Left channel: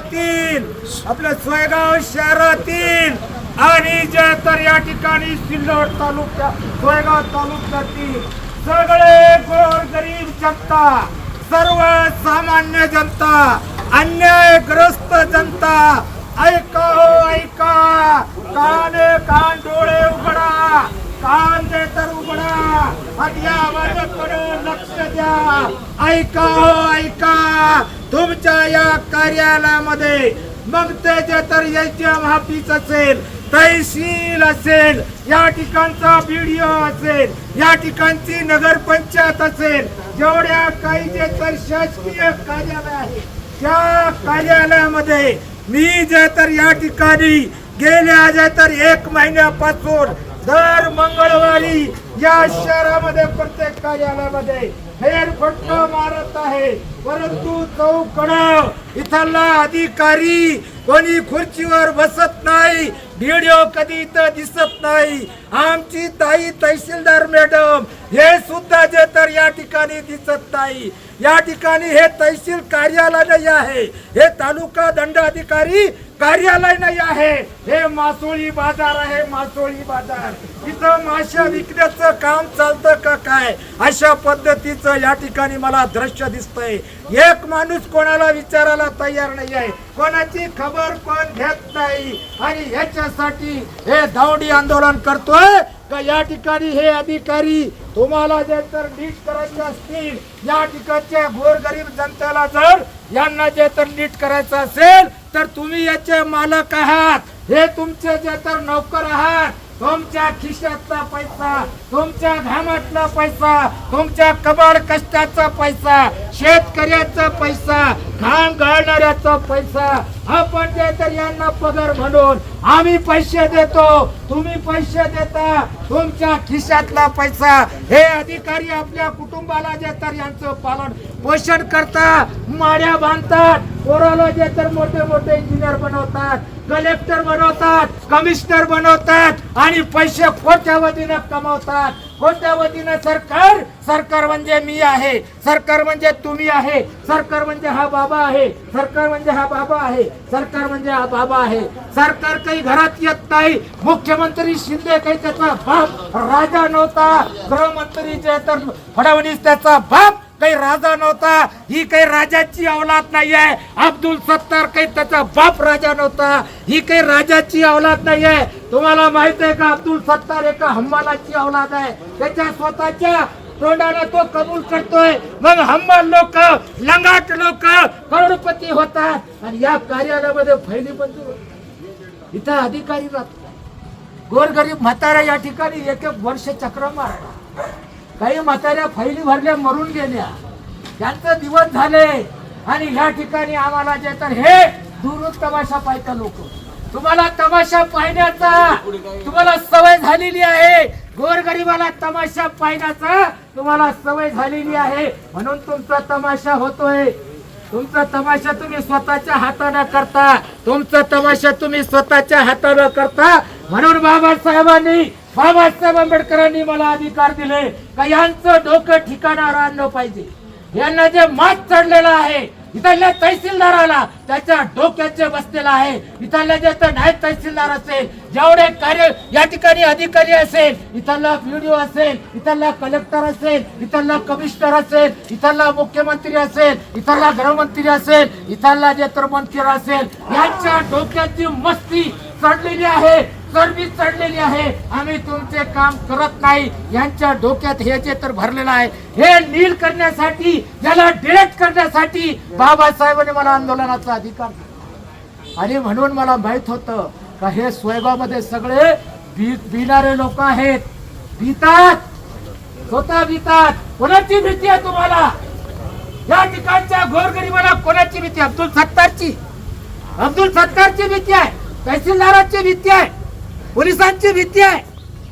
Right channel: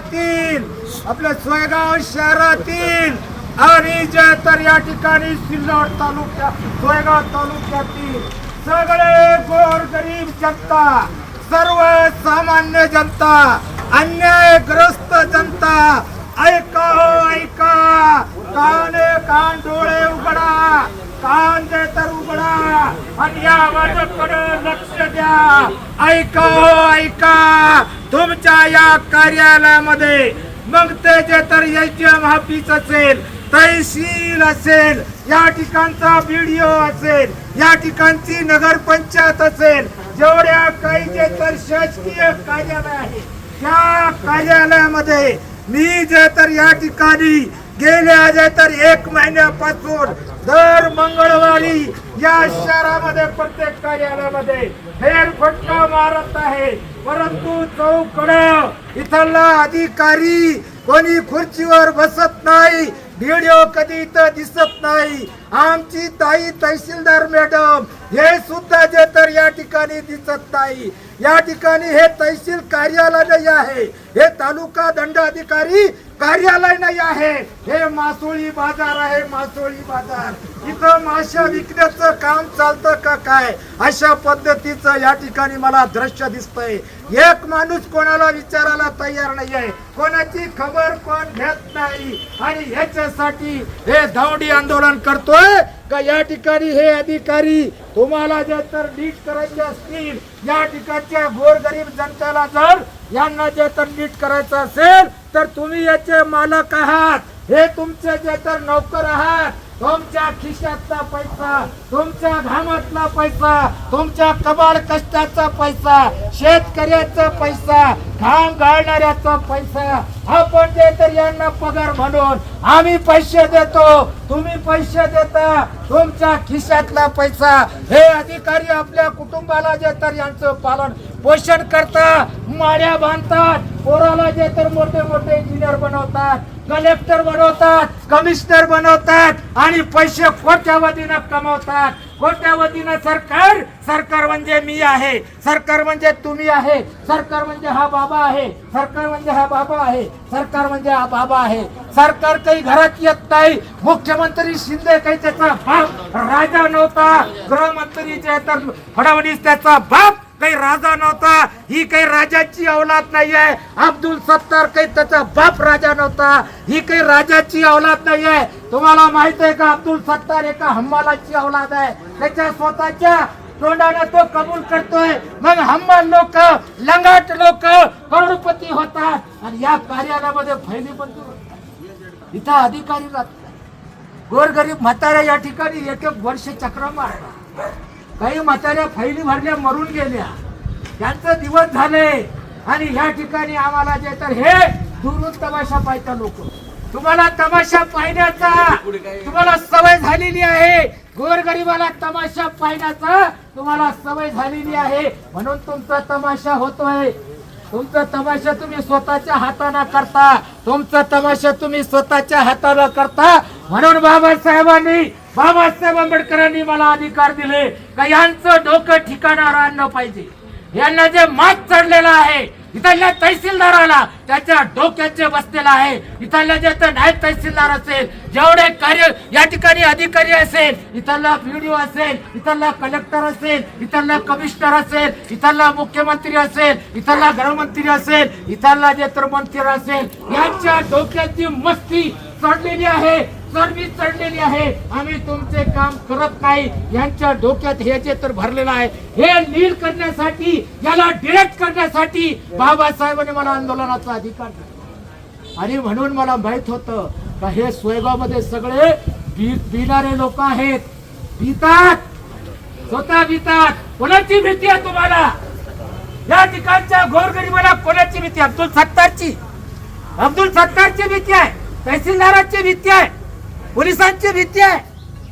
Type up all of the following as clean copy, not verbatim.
तालुक्यातील आपल्या सोयगाव शहरातील आणि जे तर या ठिकाणी सिल्लोड तालुक्या सोयगाव तालुक्यातील सगळे गोरगरीब जनता, सर्वसामान्य जनता, अन्यायग्रस्त जनता, ऐका हो ऐका, कान डोळे उघडा, कान दे तर उघडा आणि या माझ्याकडे लक्ष द्या. ऐका हो ऐका, तुमच्या या कार्यालयामध्ये मग ते जे तर एचएम ऑफिस असेल, तहसील असेल, या ठिकाणचा बीडीओ असेल, या ठिकाणची नगरपंचायत असेल, जेवढ्या काही जे तर शासकीय कार्यालय आहे त्या कार्यालयामध्ये मी जे तर या ठिकाणी गेल्या जे तर 1 महिन्यापासून दर मंगळवारी या शहरामध्ये प्रत्येक कार्यालयामध्ये फेरफटका मारत आहे. परंतु चौकड इथला अधिकारी कोणी खुर्चीवर बसत नाही, व्हिडिओ कधी इथं दिसत नाही. आमची ताई तहसीलदार मॅडम हे सुद्धा जे तर या ठिकाणी दिसत नाही. या ठिकाणी हे तहसील कार्यालय नाही आहे, हे तालुका दंडाधिकारी कार्यालय नाही आहे, हे मासोळी बाजार आहे. मासोळी बाजार इथं माशा विकण्याचं काम चालतं का काय, अशा पद्धतीचं या ठिकाणी मला दृश्य दिसतंय. एक माणूस कोणाला विचारायला तयार नाही आहे, कोणाची खबर कोण घेत नाही. आणि ह्याच्यासाठी हे दौंडी आंदोलन करतोय का या ठिकाणी हे अधिकारी तुम्हाला जे तर नीट करायचे असतील, या ठिकाणच्या गोरगरीब जनतेला जर यांना जे तर नीट करायचं असेल तर तुम्ही याचे मालक आहात, हे तुमचे जे तर नोकर आहात. तुमच्या खिशातला पैसा, तुमच्या घामातला पैसा, तुमच्या कबाड कष्टाचा पैसा, शेतकऱ्याचा पैसा, घाम गाळणाऱ्याचा पैसा आपण जे तर यांना पगार म्हणून आम्ही पैसे देतो, तुम्ही पैसे देता. तुमच्या खिशातला पैसा हे अधिकारी आपल्या कुटुंबाला जे तर यांचं पालन पोषण करता, माड्या बांधतात, पोराला जे तर मोठे मोठे इंजिनियर बनवतात, कलेक्टर बनवतात, कमिशनर बनवतात आणि पैसे कोट्यावधीनं कमावतात. कोट्यावधीनं सरकार म्हणजे मी आहे, सरकार म्हणजे तुम्ही आहे, सरकार म्हणजे हा बाबा आहे, सरकार म्हणजे हा बाबा आहे, सरकार म्हणजे हा बाबा आहे. सरकार काही घरात येत नाही. मुख्यमंत्री शिंदे काही त्याचा बाप राजा नव्हता, गृहमंत्री जे तर फडणवीस त्याचा बाप काही राजा नव्हता. ही काही राजाची औलाद नाहीये. अब्दुल सत्तार काही त्याचा बाप राजा नव्हता. ही काही राजाची औलाद नाहीये. तुम्हाला माहित आहे का, अब्दुल सत्तार एका हम्मालाची औलाद आहे. त्याच्या स्वतःच्या तोंडाने तो कबूल करतोय. मग हम्माल लोक, लंगाट लोक करोडपती होतात आणि या कार्यालयामध्ये फैली मंजूर होतात. इथं अधिकारी राहतात, गोरगरीब म्हाताऱ्या या ठिकाणी एक वर्ष चक्र मारतात. काही म्हाताऱ्या फैली भरल्या मरून गेल्या, त्यांचे दिवस झाले. आणि या ठिकाणी आम्हाला जे तर हे दुरून तमाशा पाहता लोक, तुम्हाला तमाशा पाहण्याचा तुम्हाला सवय झालेली आहे. गोरगरिबाला तमाशा पाहण्याचा तुम्हाला सवय झालेली आहे, म्हणून तुमचा तमाशा होतोय. तुमचा तमाशा तुम्ही स्वतःच्या हाताने करता, तुमचा तमाशा तुम्ही स्वतःच्या हाताने करता. म्हणून बाबासाहेब आंबेडकरांनी मला अधिकार दिले का यांचं डोकं ठिकाणावर आणलं पाहिजे. यांना जे मात चढलेला आहे, इथल्या तहसीलदाराला त्याच्या डोक्याचे बसलेला आहे. इथल्या जे तर नायब तहसीलदार असेल, जेवढे कार्य या ठिकाणी अधिकारी असेल, इथला व्हिडिओ असेल, इथला कलेक्टर असेल, इथला कमिशनर असेल, इथला मुख्यमंत्री असेल, इथला गृहमंत्री असेल, इथला जे तर मंत्री असेल, यांच्या डोक्याची मस्ती चढलेली आहे, चरबी चढलेली आहे. आम्ही तुमचे काम करत नाही, यांच्या डोक्यात हे जे तर भरलेलं आहे, हे नील करण्यासाठी, याला डिरेक्ट करण्यासाठी बाबासाहेबांनी मला आंदोलनाचा अधिकार दिला. आणि म्हणून मला माहित होतं का हे सोयगाव मध्ये सगळे बिनारे लोक आहेत, भीतात, स्वतः भीतात. कोणाची भीती आहे तुम्हाला? या ठिकाणच्या गोरगरिबाला कोणाची भीती? अब्दुल सत्तारची भीती आहे, तहसीलदाराची भीती आहे, पोलिसांची भीती आहे.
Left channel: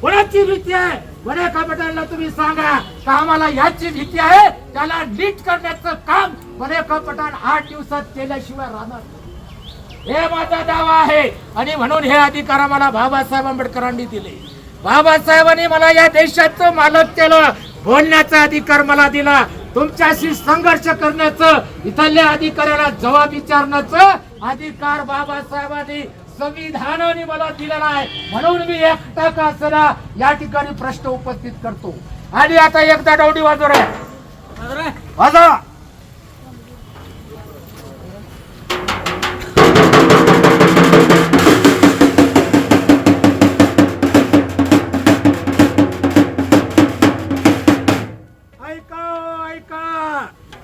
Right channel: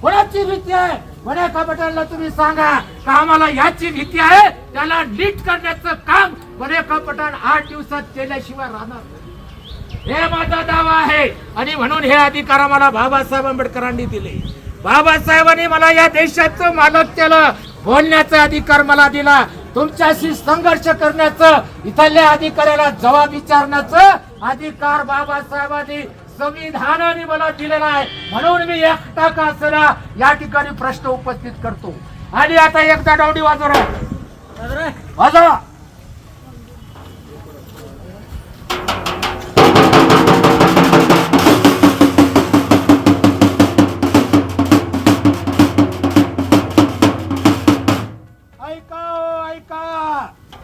कोणाची भीती आहे? वड्या कापटांना तुम्ही सांगा का आम्हाला याची भीती आहे, त्याला नीट करण्याचं काम वड्या कापटान 8 दिवसात केल्याशिवाय राहणार नाही, हे माझा दावा आहे. आणि म्हणून हे अधिकार मला बाबासाहेब आंबेडकरांनी दिले. बाबासाहेबांनी मला या देशाचं मालक केलं, बोलण्याचा अधिकार मला दिला, तुमच्याशी संघर्ष करण्याचं, इथल्या अधिकाऱ्याला जबाब विचारण्याचं अधिकार बाबासाहेबांनी संविधानाने मला दिलेला आहे, म्हणून मी एकटा का असला या ठिकाणी प्रश्न उपस्थित करतो. आणि आता एकदा डवडी वाजव रे, वाजवा.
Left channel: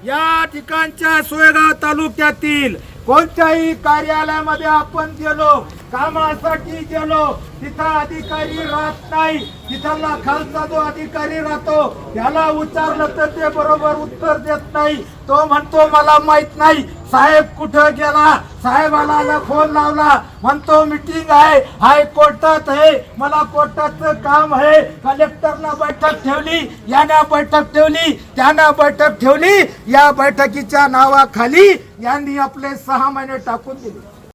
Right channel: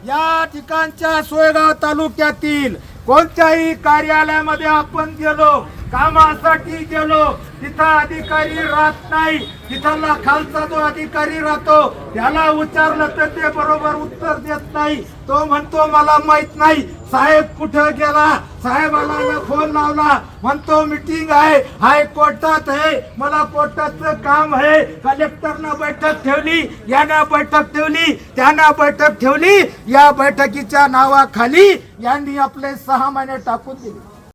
या ठिकाणच्या सोयगाव तालुक्यातील कोणत्याही कार्यालयामध्ये आपण गेलो, कामासाठी गेलो, तिथं अधिकारी राहत नाही. तिथला खालचा जो अधिकारी राहतो त्याला विचारलं तर ते बरोबर उत्तर देत नाही. तो म्हणतो मला माहित नाही. साहेब कुठं गेला, साहेबाला फोन लावला, म्हणतो मीटिंग आहे, हायकोर्टात आहे, मला कोर्टाचं काम आहे. कलेक्टरनं बैठक ठेवली, यानं बैठक ठेवली, त्यानं बैठक ठेवली. या बैठकीच्या नावाखाली यांनी आपले 6 महिने टाकून दिले.